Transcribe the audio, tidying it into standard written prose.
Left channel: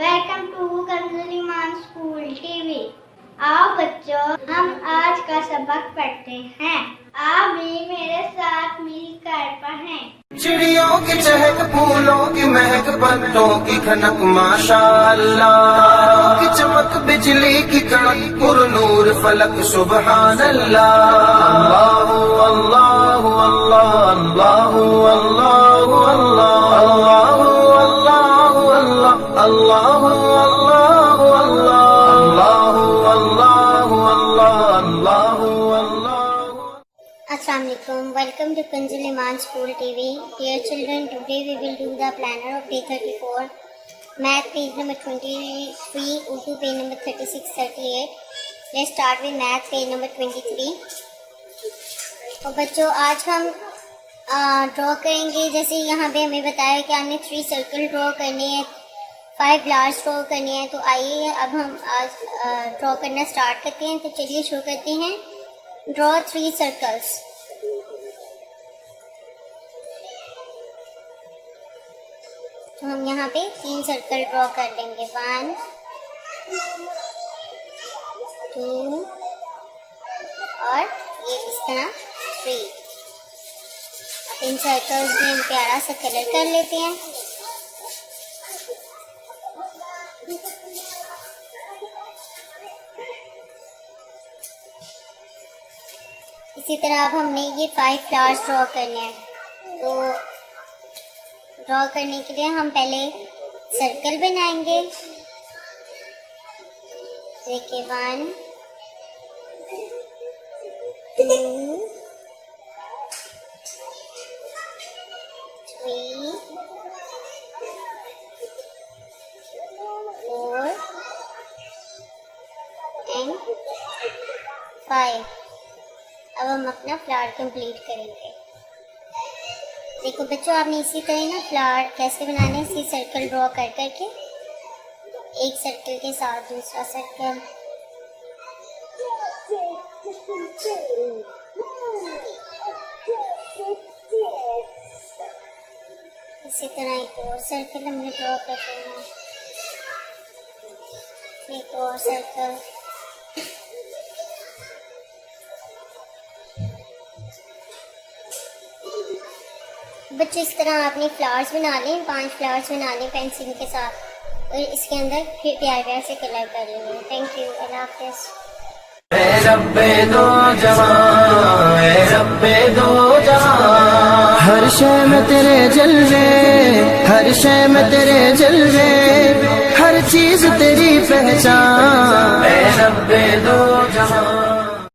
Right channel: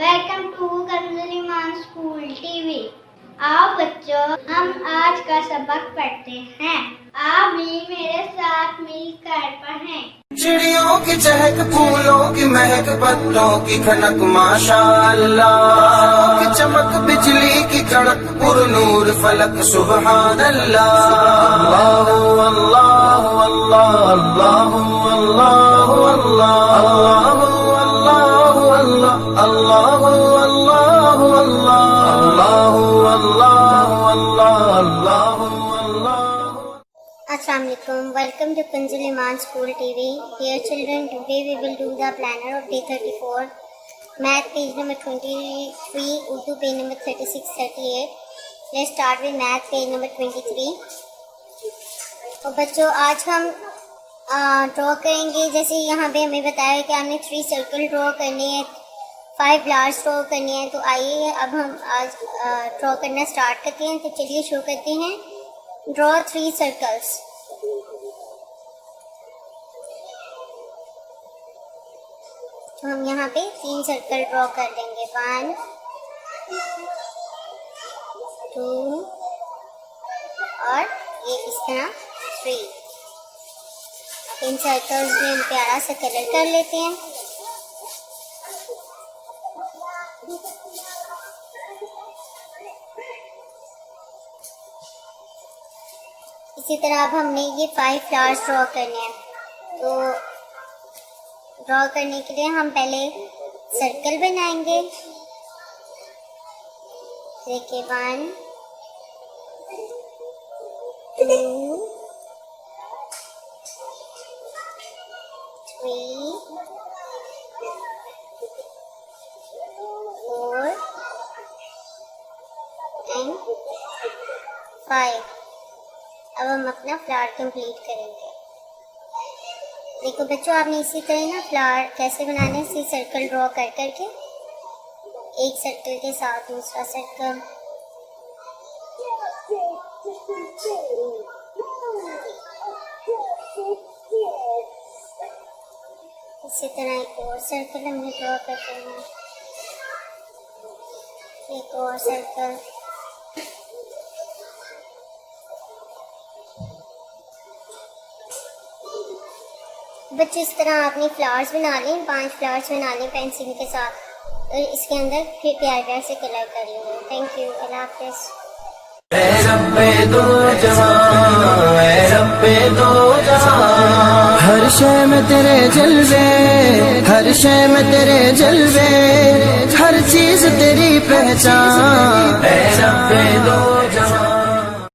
Welcome to Kanz Iman school TV. आओ बच्चों, हम आज का सबक पढ़ते हैं। आप भी मेरे साथ मिलकर पढ़ें। चिड़ियों की चहक, फूलों की महक, पत्तों की खनक, माशाअल्लाह की चमक, बिजली की कड़क, पुरनूर फलक, सुबहान अल्लाह। अल्लाहु अल्लाहु अल्लाह, अल्लाहु अल्लाहु अल्लाह, अल्लाहु अल्लाहु अल्लाह, अल्लाहु अल्लाहु अल्लाह, अल्लाहु अल्लाहु अल्लाह, अल्लाहु अल्लाह। Assalamualaikum. Welcome to Kanz Iman School TV. Dear children, today we will do the planner of day 34. Math page number 23 into page number 36-38. Let's start with math page number 23. तो बच्चों, आज हम ड्रॉ करेंगे। जैसे यहाँ पे हमें बताया कि हमने 3 सर्कल ड्रॉ करने हैं, 5 फ्लावर्स ड्रॉ करने हैं। तो आइए अब हम आज ड्रॉ करना स्टार्ट करते हैं। तो चलिए शुरू करते हैं। Draw 3 circles. तो हम यहाँ पे 3 सर्कल ड्रॉ कर लेंगे। 1 2 और ये इस तरह 3। 3 सर्कल्स भी प्यारा सा कलर कर लेते हैं। इसी तरह अब हमने ये 5 फ्लावर्स ड्रॉ करने हैं। तो ड्रॉ करने के लिए हम पहले सर्कल बनाएंगे। देखिए 1 2 3 4 and 5। अब हम अपना फ्लावर कंप्लीट करेंगे। देखो बच्चों, आपने इसी तरह ना फ्लावर कैसे बनानी, इसी सर्कल ड्रॉ कर करके एक सर्कल के साथ दूसरा सर्कल, इसी तरह एक और सर्कल हमने ड्रॉ कर देना, एक और सर्कल। बच्चे इस तरह अपनी फ्लावर्स बना लें। 5 फ्लावर्स बना लें पेंसिल के साथ और इसके अंदर फिर प्यार से कलर कर लेंगे। Thank you. अल्लाह हाफ़िज़। ऐ रब्बे दो जहां, ऐ रब्बे दो जहां, हर शय में तेरे जलवे, हर शय में तेरे जलवे, हर चीज तेरी पहचान। ऐ रब्बे दो